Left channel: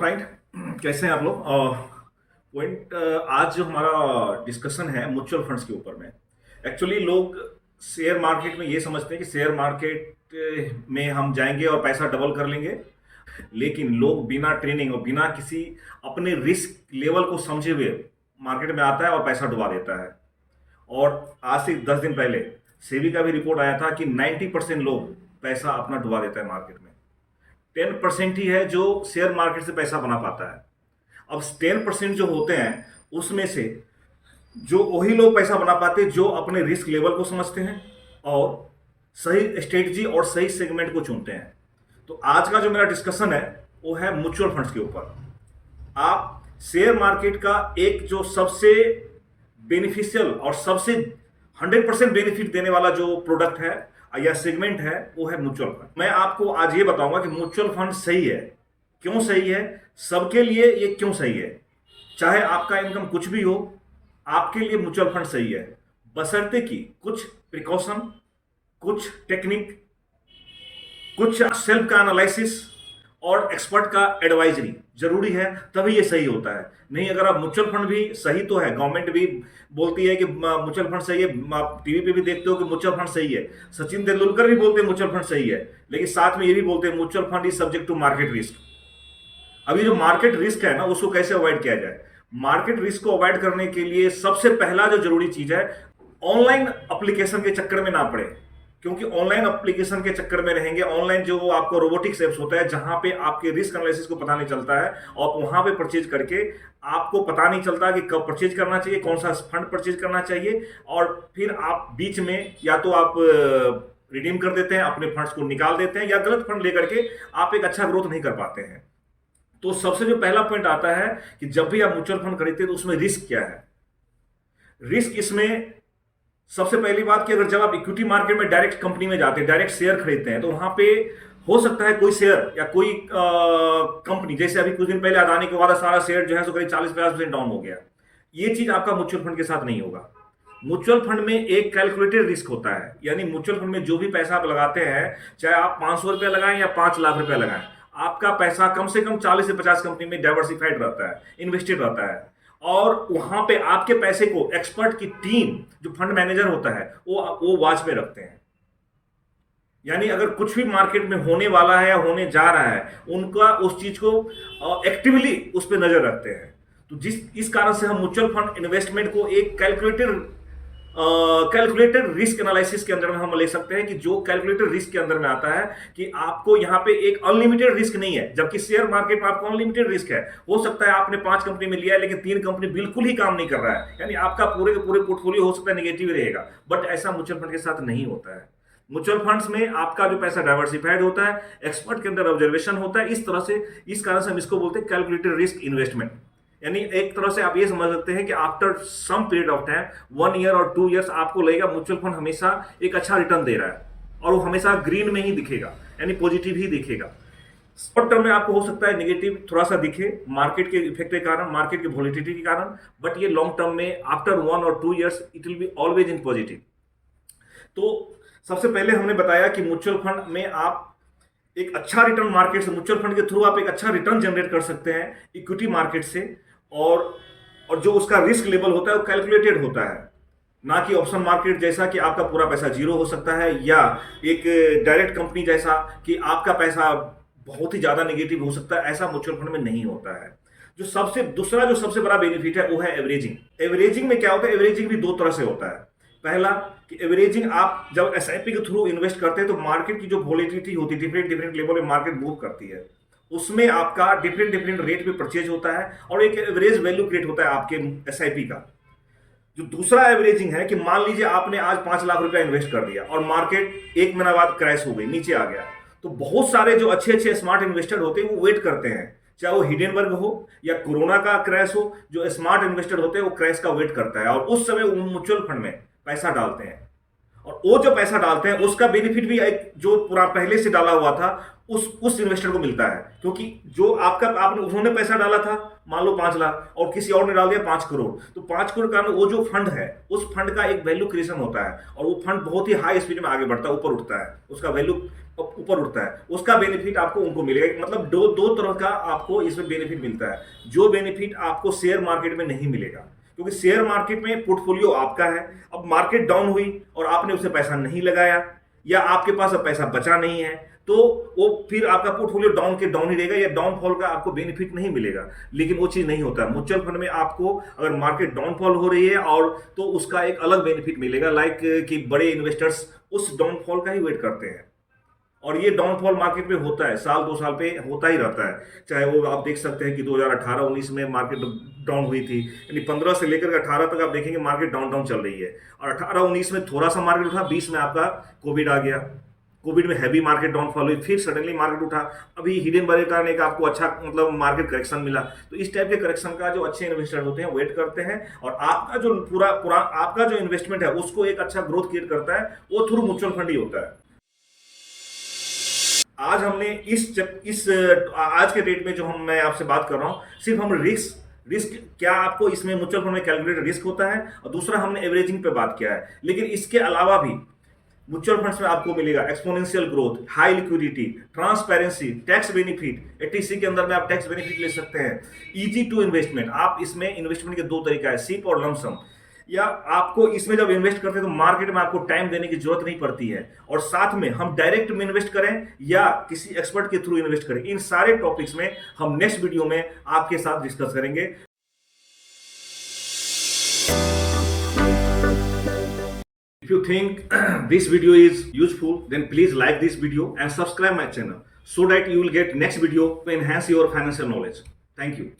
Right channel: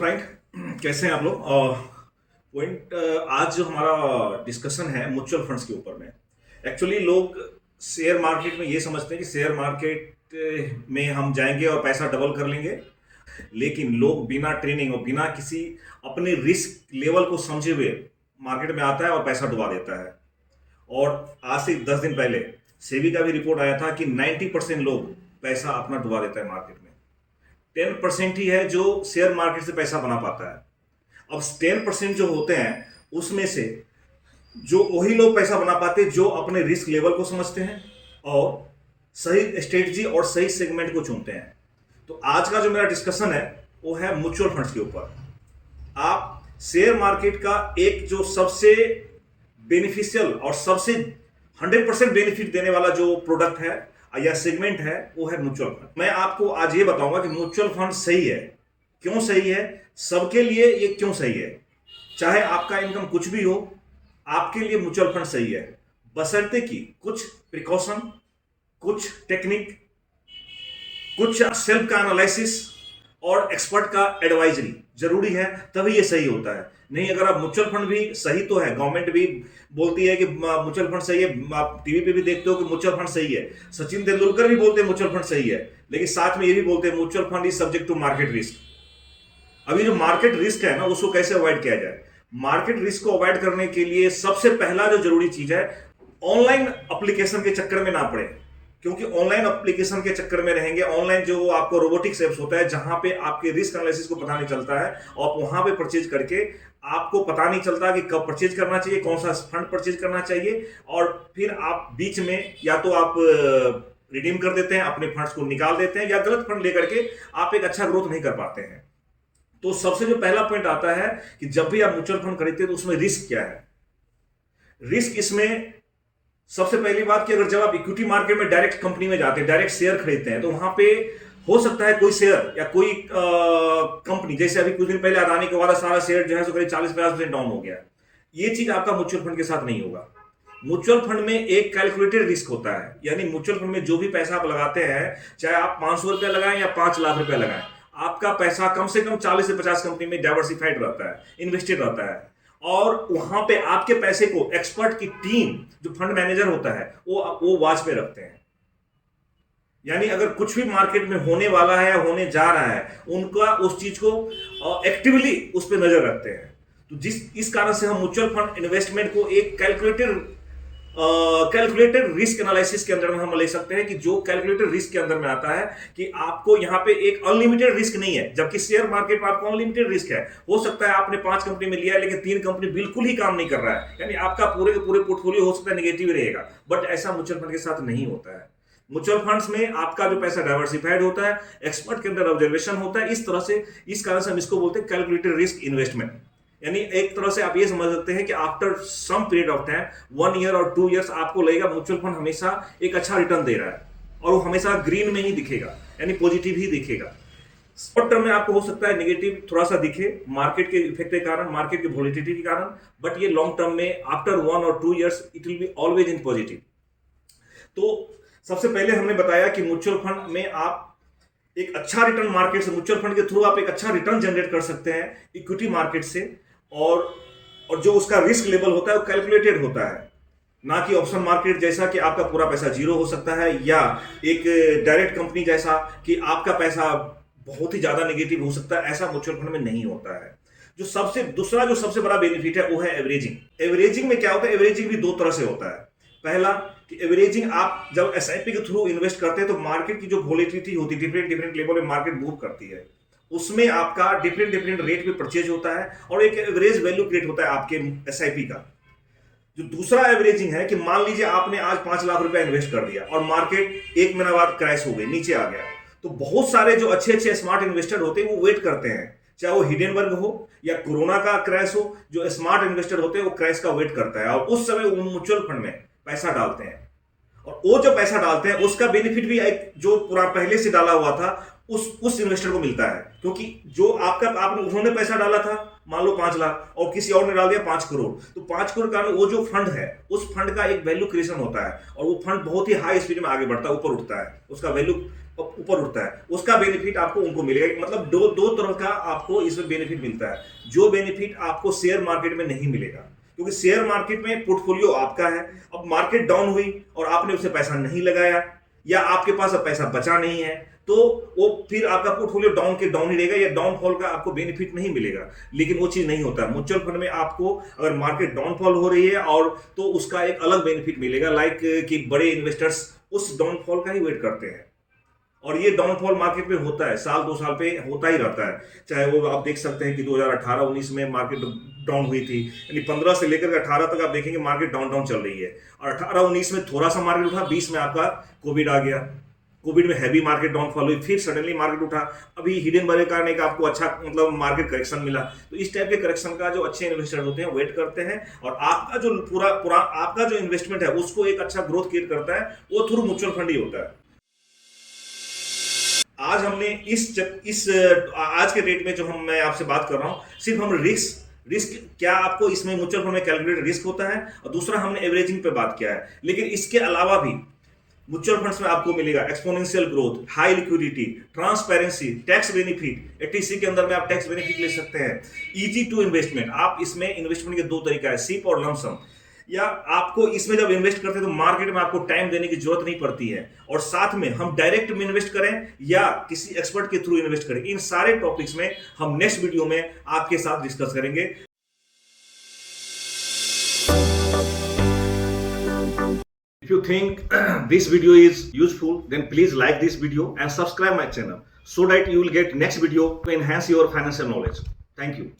Friend, कैसे हैं आप लोग? पॉइंट आज जो हमारा डिस्कशन है म्यूचुअल फंड्स के ऊपर में। एक्चुअली लोग शेयर मार्केट में ये समझते हैं कि शेयर मार्केट में हम जाएंगे और पैसा डबल कर लेंगे, लेकिन लोग बिना ट्रेनिंग और बिना किसी अपने रिस्क लेवल को समझे हुए मार्केट में आता है और पैसा डुबा देता है। और आज से 10 दिन पहले सेबी का भी रिपोर्ट आया था कि 90% लोग पैसा अपना डुबा देता है मार्केट में। 10% ही है जो शेयर मार्केट से पैसा बना पाता है। अब 10% जो होते हैं उसमें से जो वही लोग पैसा बना पाते हैं जो अपने रिस्क लेवल को समझते हैं और सही स्ट्रेटजी और सही सेगमेंट को चुनते हैं। तो आज का जो मेरा डिस्कशन है वो है म्यूचुअल फंड्स के ऊपर। आप शेयर मार्केट का एक जो सबसे बेनिफिशियल और सबसे 100% बेनिफिट देने वाला जो प्रोडक्ट है या सेगमेंट है वो है म्यूचुअल फंड। मैं आपको आज ये बताऊंगा कि म्यूचुअल फंड सही है, क्यों सही है, सबके लिए ये क्यों सही है। चाहे आपका इनकम कुछ भी हो, आपके लिए म्यूचुअल फंड सही है, बशर्ते कि कुछ प्रिकॉशन, कुछ टेक्निक, कुछ सेल्फ का एनालिसिस और एक्सपर्ट का एडवाइजरी जरूरी है, तभी ये सही होता है। नहीं, अगर आप म्यूचुअल फंड भी सही तो है, गवर्नमेंट भी बोलती है कि म्यूचुअल फंड सही है, आप टीवी पे भी देखते हो कि म्यूचुअल फंड सही है, सचिन तेंदुलकर भी बोलते हैं म्यूचुअल फंड सही है, लेकिन साथ में ये भी बोलते हैं mutual fund is subject to market risk. अभी जो मार्केट रिस्क है ना, उसको कैसे अवॉइड किया जाए? मार्केट रिस्क को अवॉइड करने के लिए सबसे पहला जो जरूरी चीज है, ऑनलाइन एप्लीकेशन के चक्कर में ना पड़े। क्योंकि ऑनलाइन एप्लीकेशन के चक्कर में रहेंगे, ऑनलाइन जो आपको रोबोटिक्स एप्स होता है जहां पे आपके रिस्क एनालिसिस को पता नहीं चलता है और वहां पे परचेज करके आपको पता नहीं चलता कि कब परचेज करना चाहिए, कौन सा फंड परचेज करना चाहिए, और फिर आप बीच में या तो आप रिडीम कर देते हैं, अपने फंड्स को निकाल देते हैं, या गलत फंड लेकर के आप एक अच्छा ग्रोथ नहीं कर पाते हैं। तो सबसे जो पहला पॉइंट आता है कि जब भी आप म्यूचुअल फंड खरीदते हैं तो उसमें रिस्क क्या है। रिस्क इसमें सबसे पहली बात कि अगर जब आप इक्विटी मार्केट में डायरेक्ट कंपनी में जाते हैं, डायरेक्ट शेयर खरीदते हैं, तो वहां पे हो सकता है कोई शेयर या कोई कंपनी, जैसे अभी कुछ दिन पहले अदानी के वाला सारा शेयर जो है सो करीब 40-50% डाउन हो गया। ये चीज आपका म्यूचुअल फंड के साथ नहीं होगा। म्यूचुअल फंड में एक कैलकुलेटेड रिस्क होता है, यानी म्यूचुअल फंड में जो भी पैसा आप लगाते हैं, चाहे आप 500 रुपया लगाएं या 5 लाख रुपया लगाएं, आपका पैसा कम से कम 40 से 50 कंपनी में डाइवर्सिफाइड रहता है, इन्वेस्टेड रहता है। और वहां पे आपके पैसे को एक्सपर्ट की टीम, जो फंड मैनेजर होता है, वो वॉच में रखते हैं। यानी अगर कुछ भी मार्केट में होने वाला है या होने जा रहा है, उनका उस चीज को एक्टिवली उस पर नजर रखते हैं। तो इस कारण से हम म्यूचुअल फंड इन्वेस्टमेंट को एक कैलकुलेटेड रिस्क एनालिसिस के अंदर में हम ले सकते हैं, कि जो कैलकुलेटेड रिस्क के अंदर में आता है कि आपको यहाँ पे एक अनलिमिटेड रिस्क नहीं है, जबकि शेयर मार्केट में आपको अनलिमिटेड रिस्क है। हो सकता है आपने 5 कंपनी में लिया है लेकिन 3 कंपनी बिल्कुल ही काम नहीं कर रहा है, यानी आपका पूरे के पूरे पोर्टफोलियो हो सकता है नेगेटिव रहेगा। बट ऐसा म्यूचुअल फंड के साथ नहीं होता है। म्यूचुअल फंड्स में आपका जो पैसा डाइवर्सिफाइड होता है, एक्सपर्ट के अंदर ऑब्जर्वेशन होता है, इस तरह से, इस कारण से हम इसको बोलते हैं कैलकुलेटेड रिस्क इन्वेस्टमेंट। यानी एक तरह से आप ये समझ सकते हैं कि after some period of time, 1 year और 2 ईयर्स, आपको लगेगा म्यूचुअल फंड हमेशा एक अच्छा रिटर्न दे रहा है और वो हमेशा ग्रीन में ही दिखेगा, यानी पॉजिटिव ही दिखेगा। शॉर्ट टर्म में आपको हो सकता है नेगेटिव थोड़ा सा दिखे मार्केट के इफेक्ट के कारण, मार्केट की वॉलेटिलिटी के कारण, बट ये लॉन्ग टर्म में आफ्टर 1 और 2 years it will be always in positive. तो सबसे पहले हमने बताया कि म्यूचुअल फंड में आप एक अच्छा रिटर्न मार्केट से, म्यूचुअल फंड के थ्रू आप एक अच्छा रिटर्न जनरेट कर सकते हैं इक्विटी मार्केट से, और जो उसका रिस्क लेवल होता है वो कैलकुलेटेड होता है, ना कि ऑप्शन मार्केट जैसा कि आपका पूरा पैसा जीरो हो सकता है, या एक डायरेक्ट कंपनी जैसा कि आपका पैसा बहुत ही ज्यादा नेगेटिव हो सकता है। ऐसा म्यूचुअल फंड में नहीं होता है। दूसरा जो सबसे बड़ा बेनिफिट है वो है एवरेजिंग। एवरेजिंग में क्या होता है? एवरेजिंग भी 2 तरह से होता है। पहला कि एवरेजिंग आप जब एसआईपी के थ्रू इन्वेस्ट करते हैं तो मार्केट की जो वोलेटिलिटी होती है, डिफरेंट लेवल पे मार्केट मूव करती है, उसमें आपका डिफरेंट रेट पे परचेज होता है और एक एवरेज वैल्यू क्रिएट होता है आपके एसआईपी का। जो दूसरा एवरेजिंग है कि मान लीजिए आपने आज 5 लाख रुपया इन्वेस्ट कर दिया और मार्केट 1 महीना बाद क्रैश हो गई, नीचे आ गया, तो बहुत सारे जो अच्छे स्मार्ट इन्वेस्टर होते हैं वो वेट करते हैं, चाहे वो हिडेनबर्ग हो या कोरोना का क्रैश हो, जो स्मार्ट इन्वेस्टर होते हैं वो क्रैश का वेट करता है और उस समय वो म्यूचुअल फंड में पैसा डालते हैं। और वो जो पैसा डालते हैं उसका बेनिफिट भी एक जो पूरा पहले से डाला हुआ था उस इन्वेस्टर को मिलता है, क्योंकि जो उन्होंने पैसा डाला था मान लो 5 लाख और किसी और ने डाल दिया 5 करोड़, तो 5 करोड़ का वो जो फंड है उस फंड का एक वैल्यू क्रिएशन होता है और वो फंड बहुत ही हाई स्पीड में आगे बढ़ता है, ऊपर उठता है, उसका वैल्यू ऊपर उठता है, उसका बेनिफिट आपको उनको मिलेगा। मतलब दो दो तरह का आपको इसमें बेनिफिट मिलता है, जो बेनिफिट आपको शेयर मार्केट में नहीं मिलेगा, क्योंकि शेयर मार्केट में पोर्टफोलियो आपका है। अब मार्केट डाउन हुई और आपने उसे पैसा नहीं लगाया या आपके पास अब पैसा बचा नहीं है, तो वो फिर आपका पोर्टफोलियो डाउन के डाउन ही रहेगा या डाउनफॉल का आपको बेनिफिट नहीं मिलेगा। लेकिन वो चीज नहीं होता है म्यूचुअल फंड में। आपको अगर मार्केट डाउनफॉल हो रही है और तो उसका एक अलग बेनिफिट मिलेगा, लाइक कि बड़े इन्वेस्टर्स उस डाउनफॉल का ही वेट करते हैं। और ये डाउनफॉल मार्केट में होता है, साल 2 साल पे होता ही रहता है। चाहे वो आप देख सकते हैं कि 2018-19 में मार्केट डाउन हुई थी, यानी 15 से लेकर 18 तक आप देखेंगे मार्केट डाउन डाउन चल रही है। और 18-19 में थोड़ा सा मार्केट उठा, 20 में आपका कोविड आ गया, कोविड में हैवी मार्केट डाउनफॉल हुई, फिर सडनली मार्केट उठा। अभी हिडन वैल्यू कारण एक आपको अच्छा मतलब मार्केट करेक्शन मिला। तो इस टाइप के करेक्शन का जो अच्छे इन्वेस्टर होते हैं वेट करते हैं, और आपका जो पूरा आपका जो इन्वेस्टमेंट है उसको एक अच्छा ग्रोथ क्रिएट करता है, वो थ्रू म्यूचुअल फंड ही होता है। आज हमने इस आज के डेट में जो मैं आपसे बात कर रहा हूं, सिर्फ हम रिस्क क्या आपको इसमें म्यूचुअल फंड में कैलकुलेटेड रिस्क होता है, और दूसरा हमने एवरेजिंग पे बात किया है। लेकिन इसके अलावा भी म्यूचुअल फंड्स में आपको मिलेगा exponential growth, high liquidity, transparency, tax benefit. ETC के अंदर में आप टैक्स बेनिफिट ले सकते हैं, इजी टू इन्वेस्टमेंट। आप इसमें इन्वेस्टमेंट के दो तरीका है, सिप और लमसम। या आपको इसमें जब इन्वेस्ट करते हैं तो मार्केट में आपको टाइम देने की जरूरत नहीं पड़ती है, और साथ में हम डायरेक्ट में इन्वेस्ट करें या किसी एक्सपर्ट के थ्रू इन्वेस्ट करें, इन सारे टॉपिक्स में हम नेक्स्ट वीडियो में आपके साथ डिस्कस करेंगे। If you think this video is useful, then please like this video and subscribe my channel so that you will get next video to enhance your financial knowledge. Thank you.